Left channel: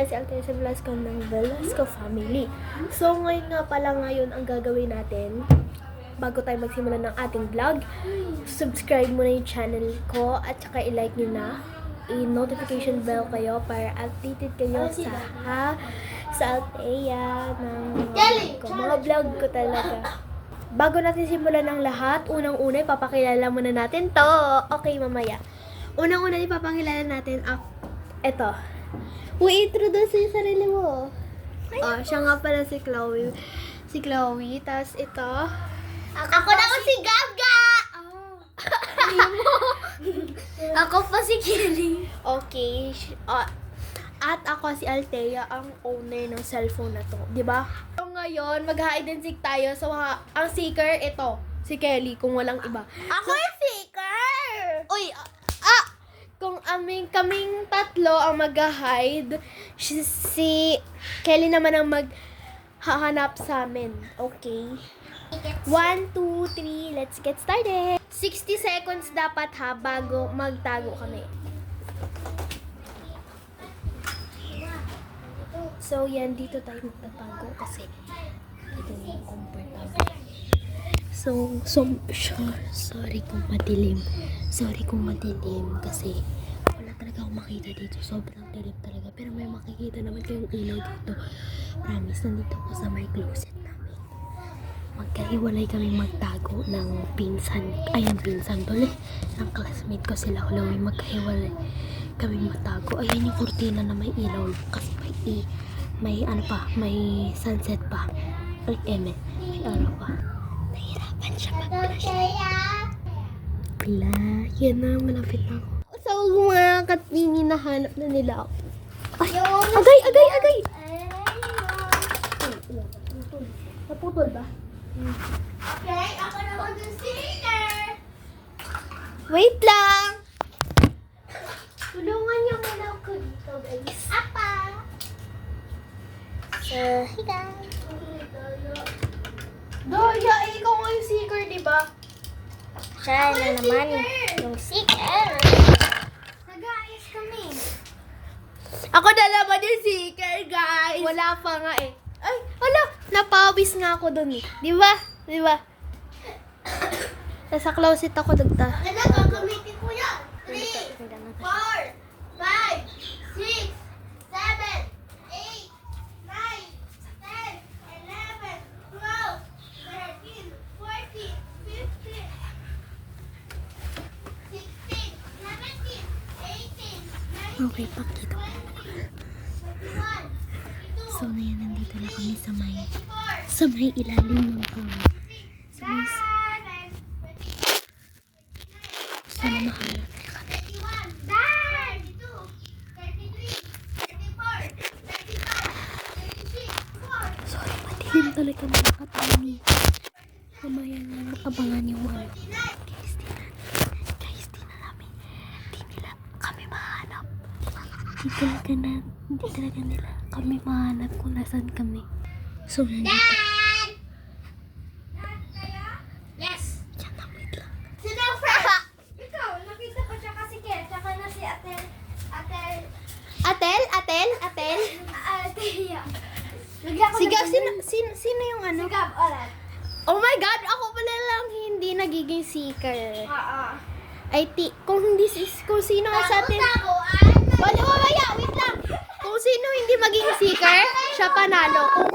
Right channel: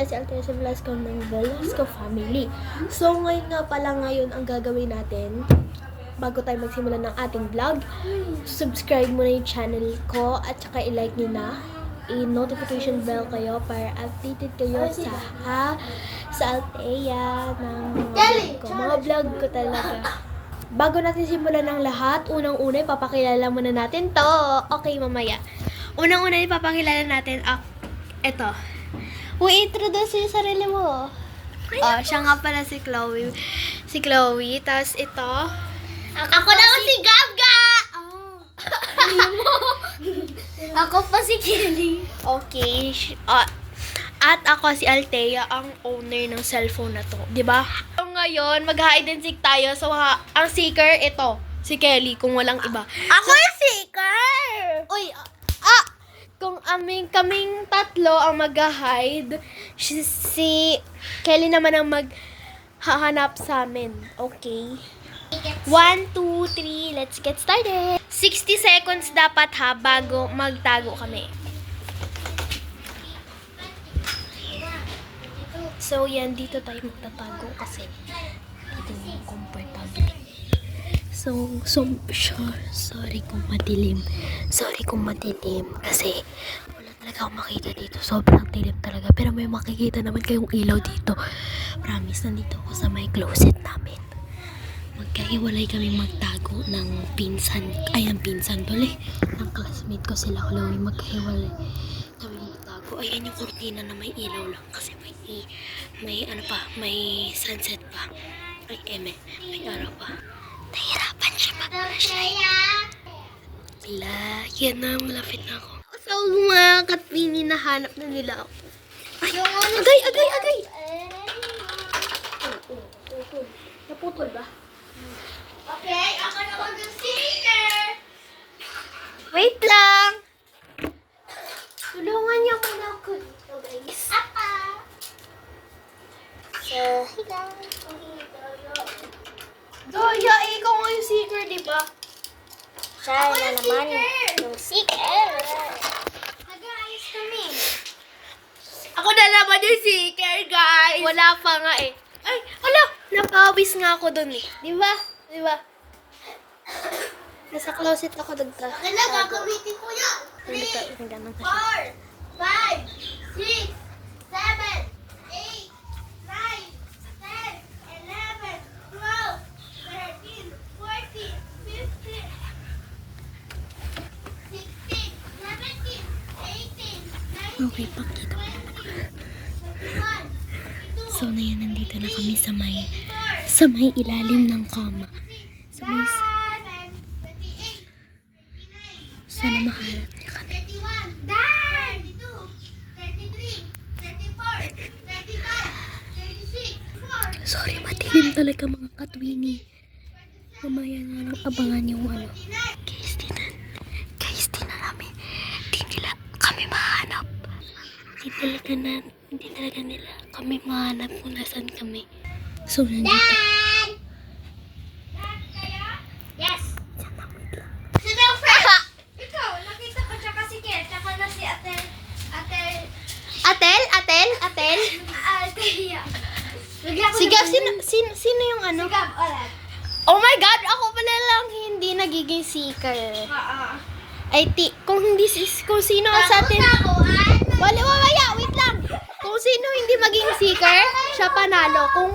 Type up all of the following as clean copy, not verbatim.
pala si Altesa Velasco ng Velasco Family. So, ngayon ang gagawin natin, bago tayo magsimula ng ating vlog, subscribe muna yung channel ko at saka i-like nyo na. I-notification bell kayo para updated kayo sa Althea ng mga vlog ko talaga. Bago natin simulan ng lahat, unang-una ipapakilala muna natin to. Okay, mamaya. Unang-una ipapakilala natin ito. Introduce yung sarili mo. Siya nga pala si Chloe. Tapos ito. Ako naman si Gabga! Ako pa si Kelly. Okay. At ako si Althea, ang owner ng cellphone na to. Diba? So ngayon, mag-hide and seek tayo. So, ang seeker, ito. Si Kelly, kung walang iba. Ako yung seeker! Uy, kung kaming tatlo ang mag-hide, si Kelly naman ang maghahanap sa amin. Okay? 1, 2, 3, let's get started! 60 seconds dapat bago magtago kami. So, yan, dito tayo magtatago kasi hindi mo comfortable. So, sorry kung madilim. Kasi wala talaga akong makita dito. Sobrang dilim talaga. Pero may makikita naman kayong ilaw dito. Promise, nandito ako sa may closet namin. Magkahiwalay kami magtago ng pinsan tuloy. Ng classmate ko sila Chloe. Magkahiwalay kami magtago. Ayan yung kurtina na may ilaw lang. Kasi may sunset pa. May araw pa. Nahirapan siya mag-flashlight. Yan na, malapit na ako. So, mga katpini, nahanap na nila ako. Ay! Agay! Naputol ba? Okay, ako naman yung seeker! Wait lang! Tulungan niyo ako lang ko dito, guys. Apa! So, hey guys! Daya, ikaw nga yung seeker, di ba? Siya na naman yung seeker. Nag-aayos kami. Ako na naman yung seeker, guys! Wala pa nga eh. Ay, ala! Napawis nga ako dun eh. Di ba? Nasa closet ako nagta. Ano gagamitin ko yan? 3, 4, 5, 6, 7, 8, 9, 10, 11, 12, 13, 14, 15, 16, 17, 18, 19, Okay, pakita ko. So, nandito na kami sa may ilalim ng kama. Sana makaharap na kami. 31, 32, 33, 34, 35, 36, 4. Sorry, madilim talaga mga katami. Mamaya na lang abangan yung Guys, tinan namin. Di nila kami mahanap. Hindi talaga nila kami mahanap kung nasan kami. So, nandito. Dan! Dan kayo? Yes! Yan na, wait lang. Sino ang friend? Ikaw, nakita ko tsaka si Kel, tsaka na si Atel. Atel? Althea. Bigla ko Sigaw, nabili- sino yung ano? Si Gab, alright. Oh my God! Ako pala lang hindi nagiging seeker. Kung sino sa atin... Wala, wait lang. Kung sino hindi maging seeker, siya panalo. Kung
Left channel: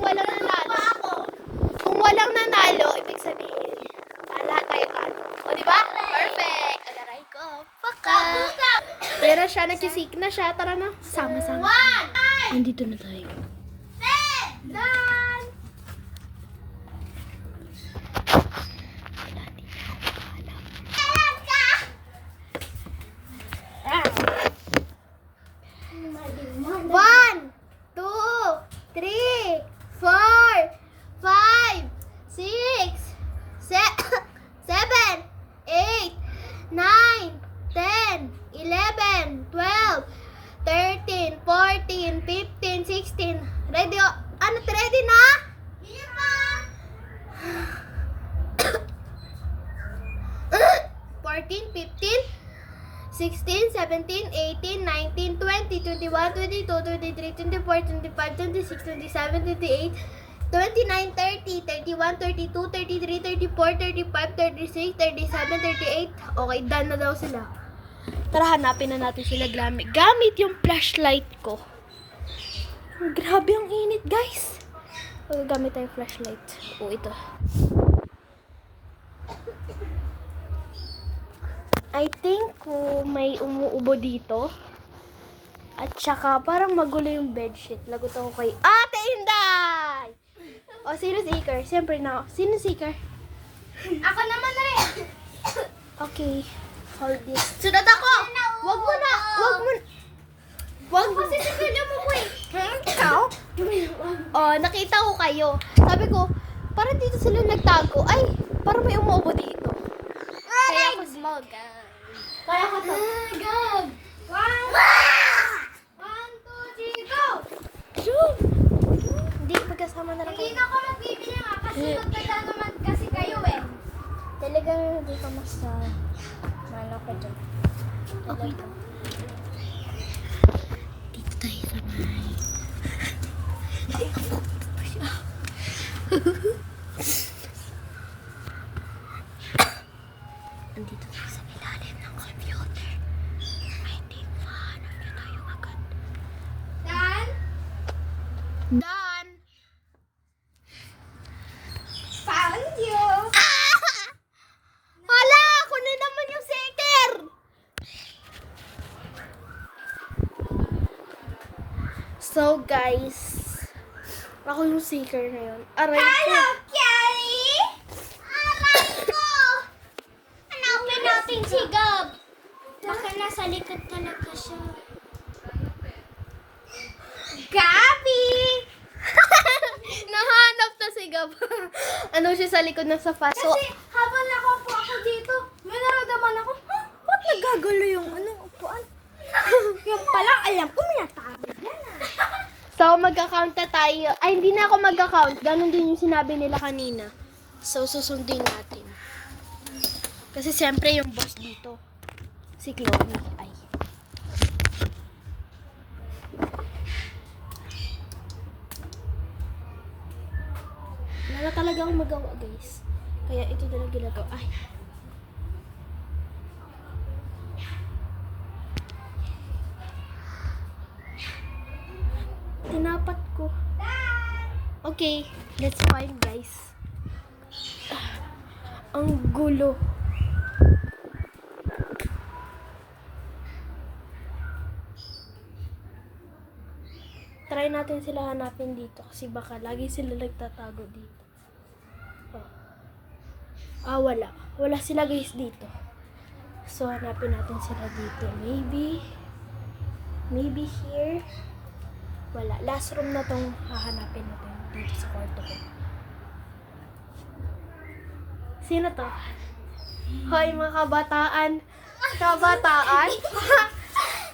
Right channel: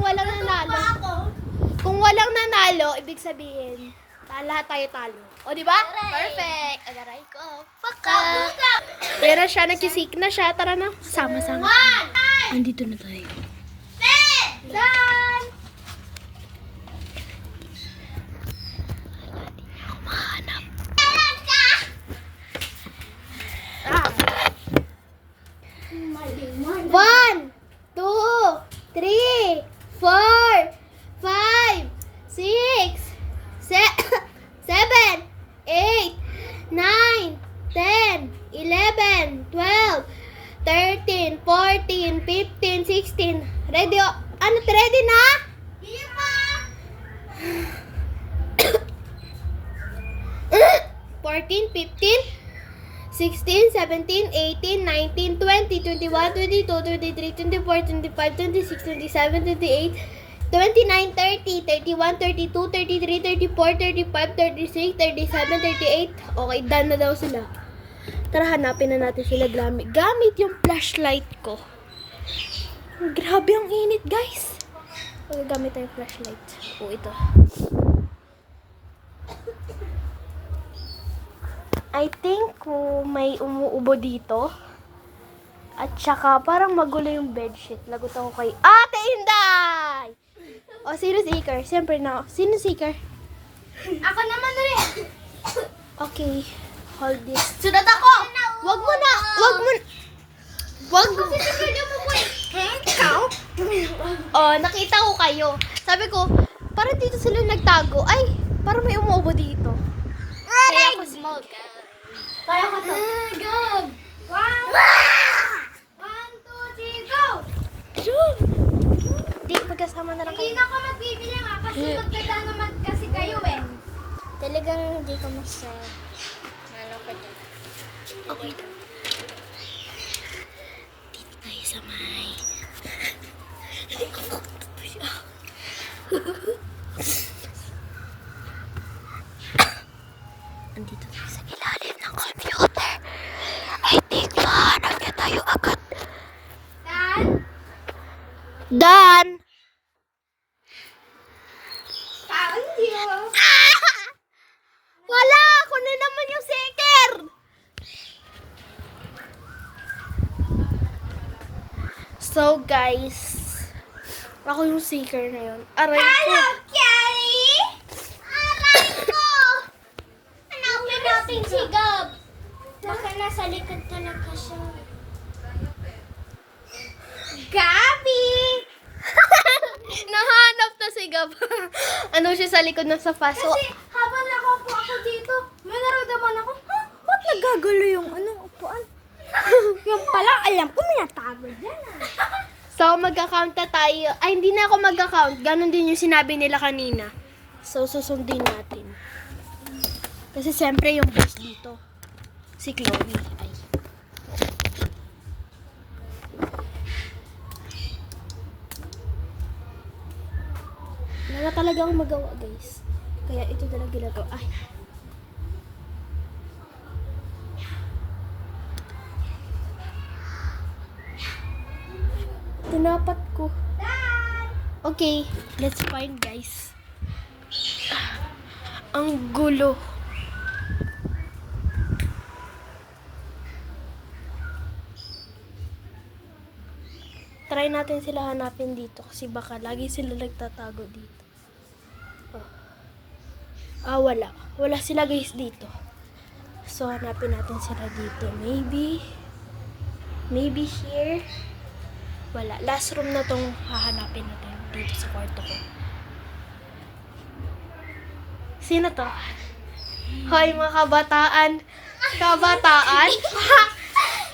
walang nanalo, ibig sabihin, lahat tayo talo. O, di ba? Perfect. Alaray ko. Paka. Pero siya, nag-seek na siya. Tara na, sama-sama. 1, Andito na tayo. 10, Dan! Wala, di niya ako mahanap. Alam ka! 1, 2, 3, 4, 5, 6, 7, 8, 9, 10, 11, 12, 13, 14, 15, 16. Ready? Ready na? Hindi pa! 14, 15, 16, 17, 18, 19, 20, 21, 22, 23, 24, 25, 26, 27, 28, 29, 30, 31, 32, 33, 34, 35, 36, 37, 38. Okay, done na daw sila. Tara, hanapin na natin sila gamit yung flashlight ko. Grabe ang init, guys. Gamit tayo flashlight. Oh, ito. I think may umuubo dito. At saka parang magulo yung bedsheet. Lagot ako kay Ate Inday! O, sino seeker? Siyempre na. Sino seeker? Ako naman rin. Okay. Hold this. Sunod ako. Wag mo na! Wag mo! Wag mo! Kasi sige mo po eh. Ikaw? Oh, nakita ko kayo. Sabi ko, parang dito sila nagtago. Ay, parang may umuubo dito. Kaya ako smoke. Kaya ako to. Go. 1, 2, 3, go. Hindi, magkasama na lang Hindi kayo. na ako magbibili nga kasi magkata naman kasi kayo eh. Talagang hindi ka masa... Ano ka dyan? Okay. Dito tayo sa may... Andito tayo sa ilalim ng computer. I think mahanap niya tayo agad. Dan, Dan! found you. Wala! Ako na naman yung seeker! So guys, ako yung seeker na yun. Aray ko. Hello, Kelly. Aray ko. Hanapin natin si Gab. Baka nasa likod talaga siya. Gabi! Nahanap na si Gab. Ano siya sa likod ng sofa. So, Kasi habang nakaupo ako dito, may naramdaman ako, ba't nagagulo yung upuan? Yung pala, alam ko, may natago dyan magka-count na tayo. Ay, hindi na ako magka-count. Ganon din yung sinabi nila kanina. So, susundin natin. Kasi siyempre yung boss dito, si Chloe. Ay. Wala na talaga akong magawa, guys. Kaya ito na lang ginagawa. Ay. Tinapat ko. Okay, let's find, guys. Ang gulo. Try natin sila hanapin dito kasi baka lagi sila nagtatago dito. Oh. Ah, wala. Wala sila, guys, dito. So, hanapin natin sila dito. Maybe here. Wala. Last room na tong hahanapin natin dito sa kwarto ko. Sino to? Hoy, mga kabataan. Kabataan?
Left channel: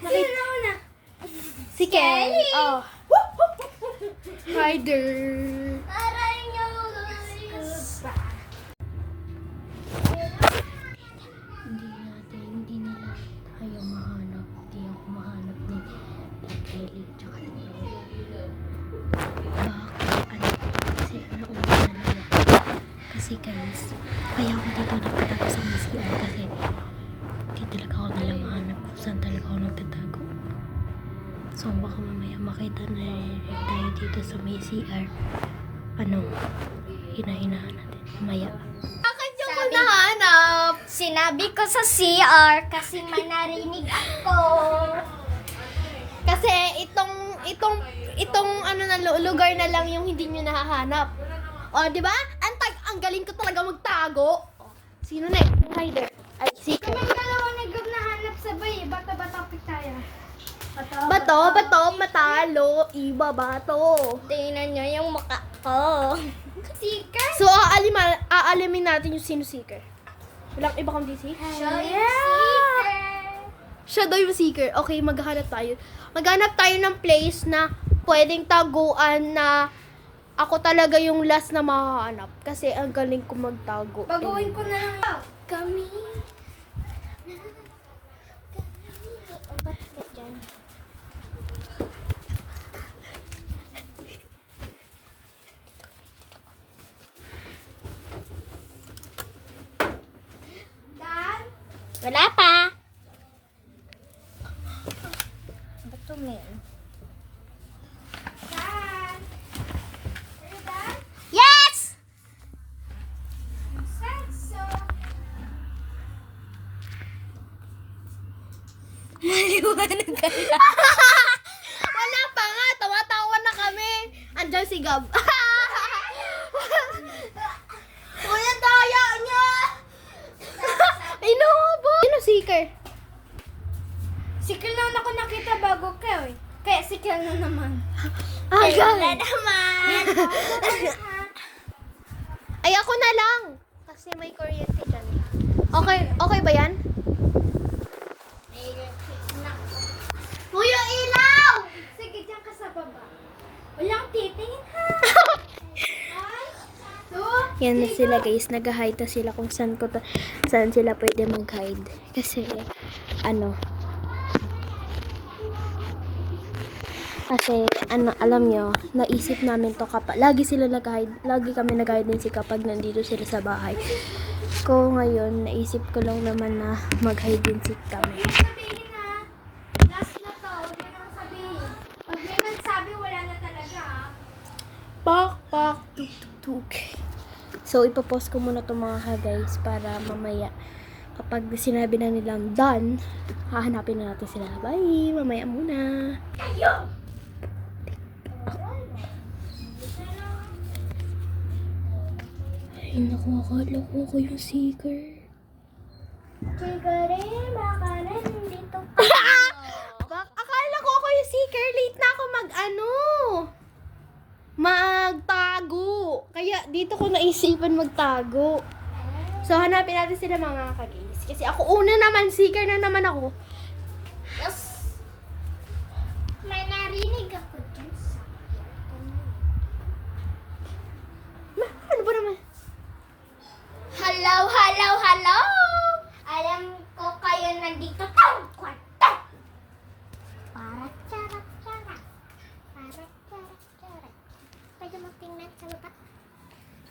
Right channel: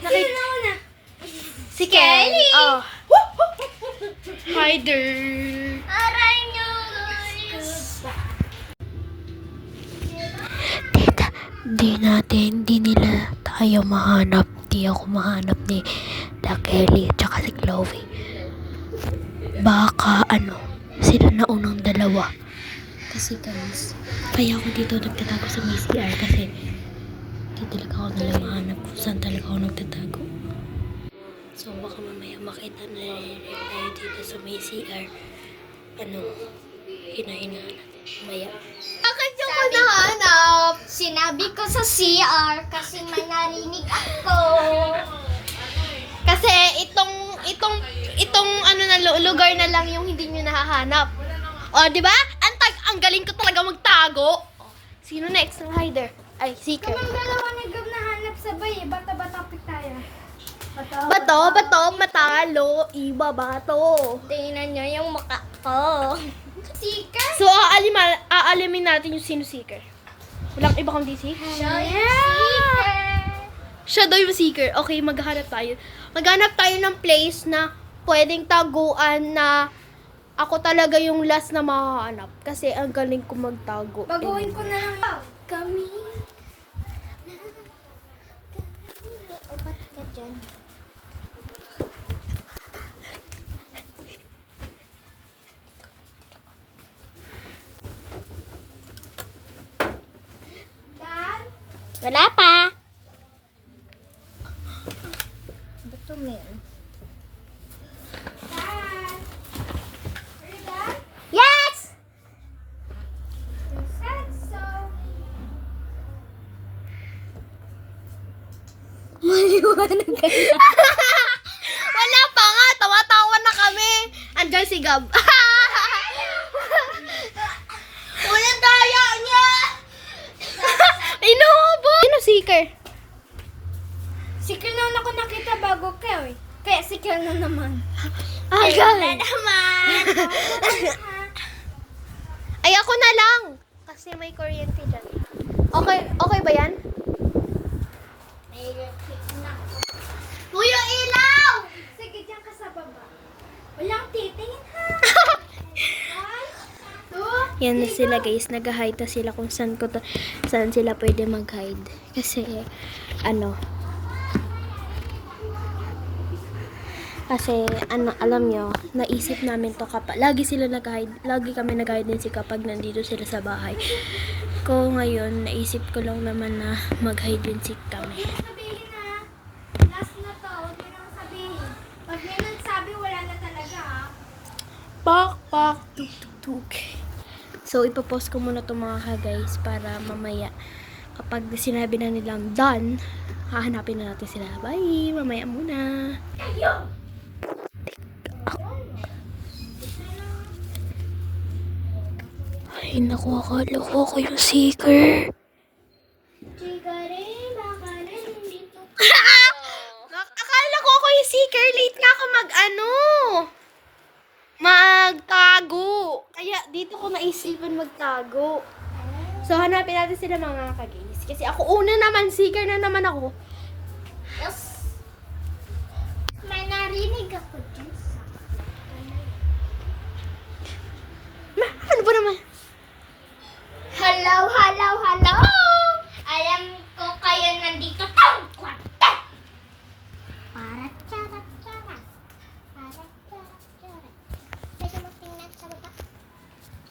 Nakita na. si Kelly. Oh. Hi there. Aray nyo, guys. Di nila tayo mahanap. Di ako mahanap ni La Kelly at saka si Chloe. Baka sila na unang dalawa. Kasi guys, kaya ako dito nagtatago sa MCR kasi di talaga ako nila mahanap kung saan talaga ako nagtatago. So baka mamaya makita na tayo dito sa MCR. Hinahinaan natin. Mamaya. Bakit yung ko nahanap? Sinabi ko sa CR kasi manarinig ako. Kasi itong lugar na lang yung hindi nyo nahahanap. O, di ba? Ang galing ko talaga magtago. O, sino next? Ang hider. Ay, seeker. Kaming dalawa nagnahanap sabay. Bato-bato tayo. Bato, matalo. Iba, bato. Tingnan niyo yung mukha ko. Sika? So, aalimin natin yung sino seeker. Walang iba kundi si? Siya yung seeker. Siya daw yung seeker. Okay, maghanap tayo. Maghanap tayo ng place na pwedeng taguan na ako talaga yung last na mahahanap. Kasi ang galing ko magtago. Baguhin ko na lang. Kami. Wala pa. Ba't ito ngayon? Yes! Maliwanag ka na. Wala pa nga. Tawa-tawa na kami. Andiyan si Gab. Walang daya niya. Inuubo. Sino seeker? Sikil na ako nakita bago ka eh. Kaya sikil na naman. Agad. naman. Ay, ako na lang. Kasi may kuryente dyan. Okay, okay ba yan? Kuya Ilaw! Sige, dyan ka sa baba. Walang titingin ha. Ay, Yan na sila guys. Nag-hide na sila kung saan sila pwede mag-hide. Kasi, alam nyo, naisip namin to kapag, lagi sila nag-hide, lagi kami nag-hide din kapag nandito sila sa bahay. Ko ngayon, naisip ko lang naman na mag-hide din kami. sabihin ha. Last na to. Huwag mo naman sabihin. Pag may nagsabi, wala na talaga ha. Pak, pak, tuk, tuk, tuk. So, ipapost ko muna to mga guys para mamaya kapag sinabi na nilang done, hahanapin na natin sila. Bye! Mamaya muna. Ay, naku, akala ko ako yung seeker. Chigare, makala dito. Akala ko ako yung seeker. Late na ako magtago. Kaya dito ko naisipan magtago. So, hanapin natin sila mga kagis. Kasi ako una naman, seeker na naman ako. Yes. May narinig ako dyan sa... Ano ba naman? Hello, hello, hello! Alam ko kayo nandito tang kwarto! Para charat charat. Para charat charat. Pwede mo tingnan sa baba?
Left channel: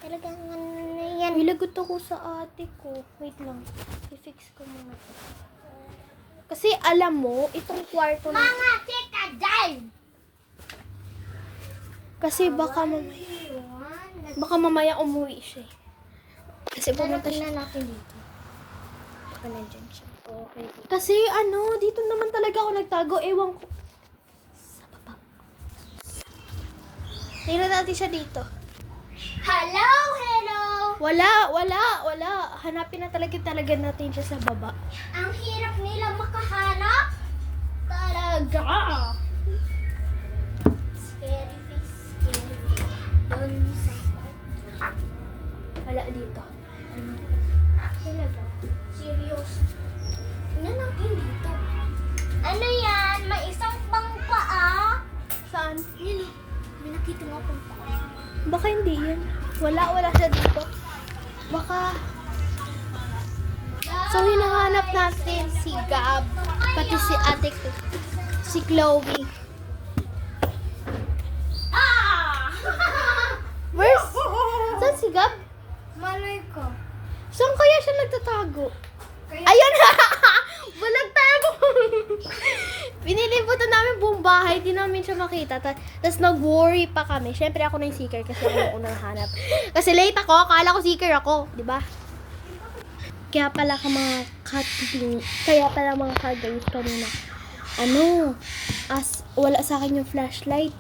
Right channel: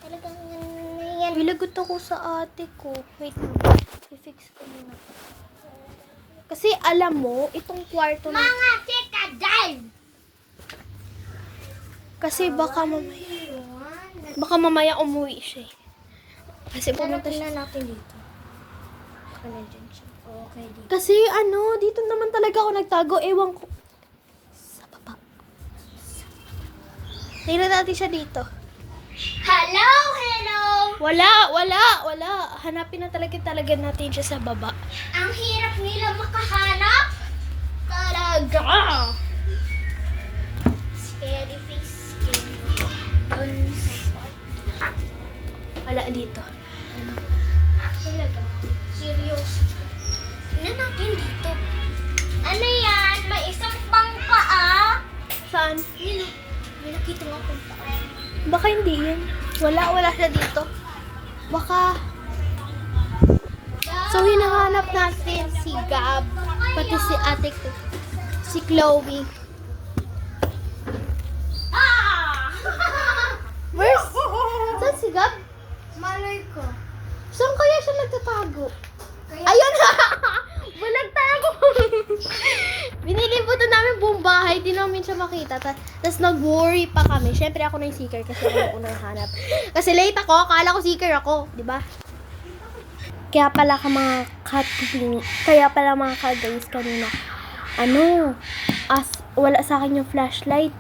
Talagang ano na yan. Nilagot ako sa ate ko. Wait lang. I-fix ko muna. Kasi alam mo, itong kwarto na... Mga chika dyan! Kasi baka mamaya umuwi siya eh. Kasi pumunta siya. natin dito. Baka nandyan siya. Okay. Kasi dito naman talaga ako nagtago. Ewan ko. Sa baba. Tingnan natin siya dito. Hello, hello! Wala. Hanapin na talaga natin siya sa baba. Ang hirap nila makahanap. Talaga. Scary face, scary. Dun sa Wala dito. talaga. Serious. Tingnan natin dito. Ano yan? May isang bangka ah. Saan? Yun oh. May nakita nga akong paa. Baka hindi yan. Wala siya dito. Baka... So, hinahanap natin si Gab, pati si ate ko, si Chloe. Ah! Where's... Saan si Gab? Malay ko. Saan kaya siya nagtatago? Ayun! Walang tago! Pinilibutan namin buong bahay, di namin siya makita. Tapos nag-worry pa kami. Siyempre ako na yung seeker kasi ako yung unang hanap. Kasi late ako, akala ko seeker ako, di ba? Kaya pala mga ka-guys kanina. Wala sa akin yung flashlight.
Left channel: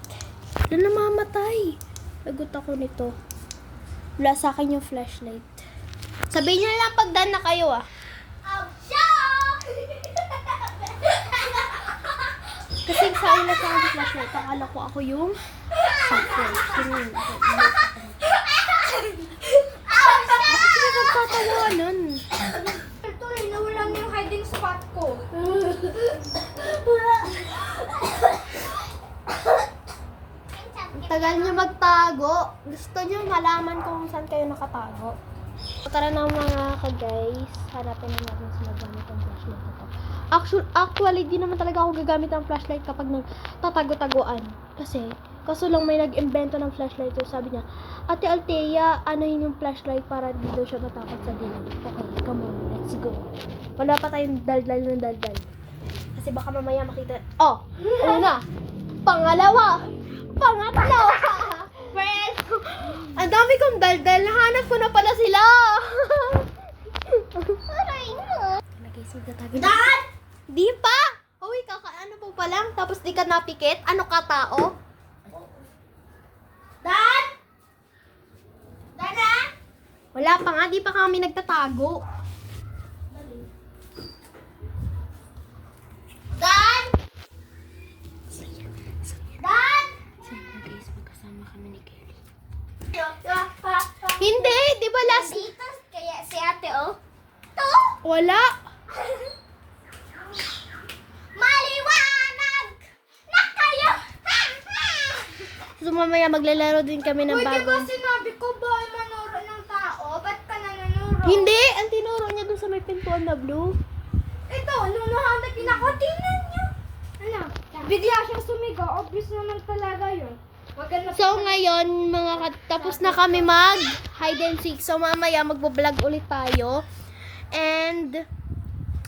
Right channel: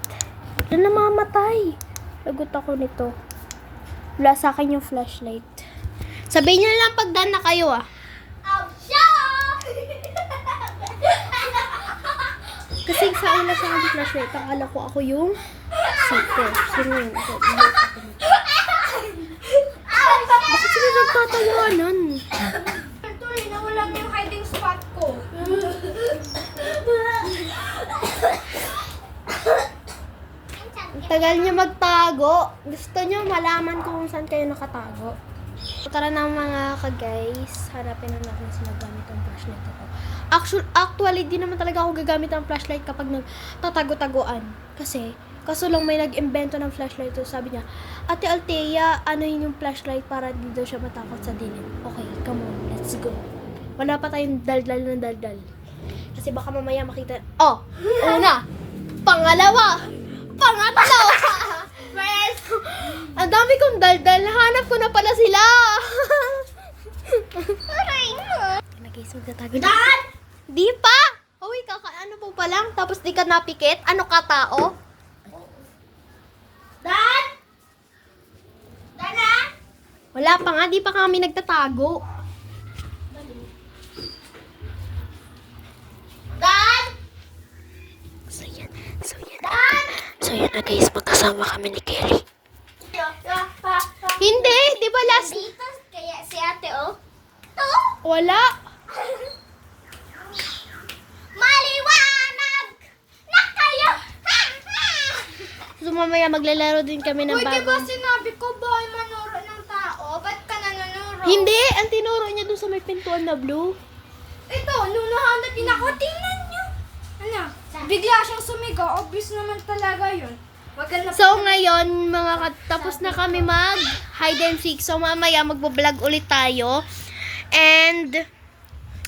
Doon namamatay. Lagot ako nito. Wala sa akin yung flashlight. Sabihin niyo lang pag done na kayo ah. Oh, show! Kasi sa akin na siya ang flashlight. Akala ko ako yung seeker. Sino yun? Bakit sila nagtatawanan? Ito eh, nawala na yung hiding spot ko. Ang tagal niyo magtago. Gusto niyo malaman kung saan kayo nakatago. Tara na mga ka-guys. Hanapin na natin sila gamit ang flashlight na to. Actually, di naman talaga ako gagamit ng flashlight kapag nagtatago-taguan. Kaso lang may nag-invento ng flashlight to. Sabi niya, Ate Althea, ano yun yung flashlight para di daw siya matakot sa dilim. Okay, come on, let's go. Wala pa tayong daldal ng daldal. Kasi baka mamaya makita. Oh, una. Pangalawa. Pangatlo. First, Ang dami kong daldal. Hanap ko na pala sila. aray mo. Na guys, magtatago na. Dad! Di pa! Hoy, kakaano po pa lang, tapos di ka napikit? Ano ka, tao? Dad! Dada! Wala pa nga, di pa kami nagtatago. Dad! So yan. Dad! So yan na guys, magkasama kami ni Kelly. Hindi, di ba last... Dito, kaya si ate, oh. To! Wala. Maliwanag! Na kayo! So mamaya maglalaro din kami ng bagong... sinabi ko bawal manuro ng tao? Ba't ka nanunuro? Hindi, ang tinuro niya dun sa may pintuan na blue. Ito, nunuhanapin ako. Tingnan niyo. Ano? Bigla siyang sumigaw. Obvious naman talaga yun. Wag ka na... So ngayon, tapos na kami mag hide and seek. So mamaya magbo-vlog ulit tayo. And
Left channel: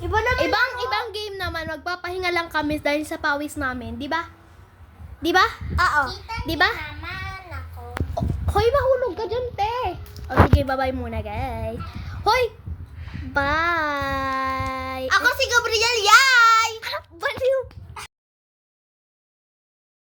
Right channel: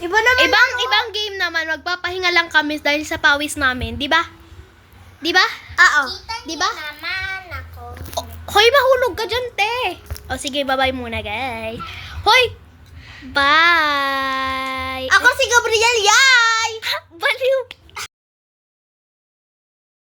Iba naman. ibang game naman, magpapahinga lang kami dahil sa pawis namin, di ba? Di ba? Oo. Di ba? naman ako. Oh, hoy, mahulog ka dyan, te. O sige, bye-bye muna, guys. Hoy! Bye! Ako si Gabriel, yay! Baliw!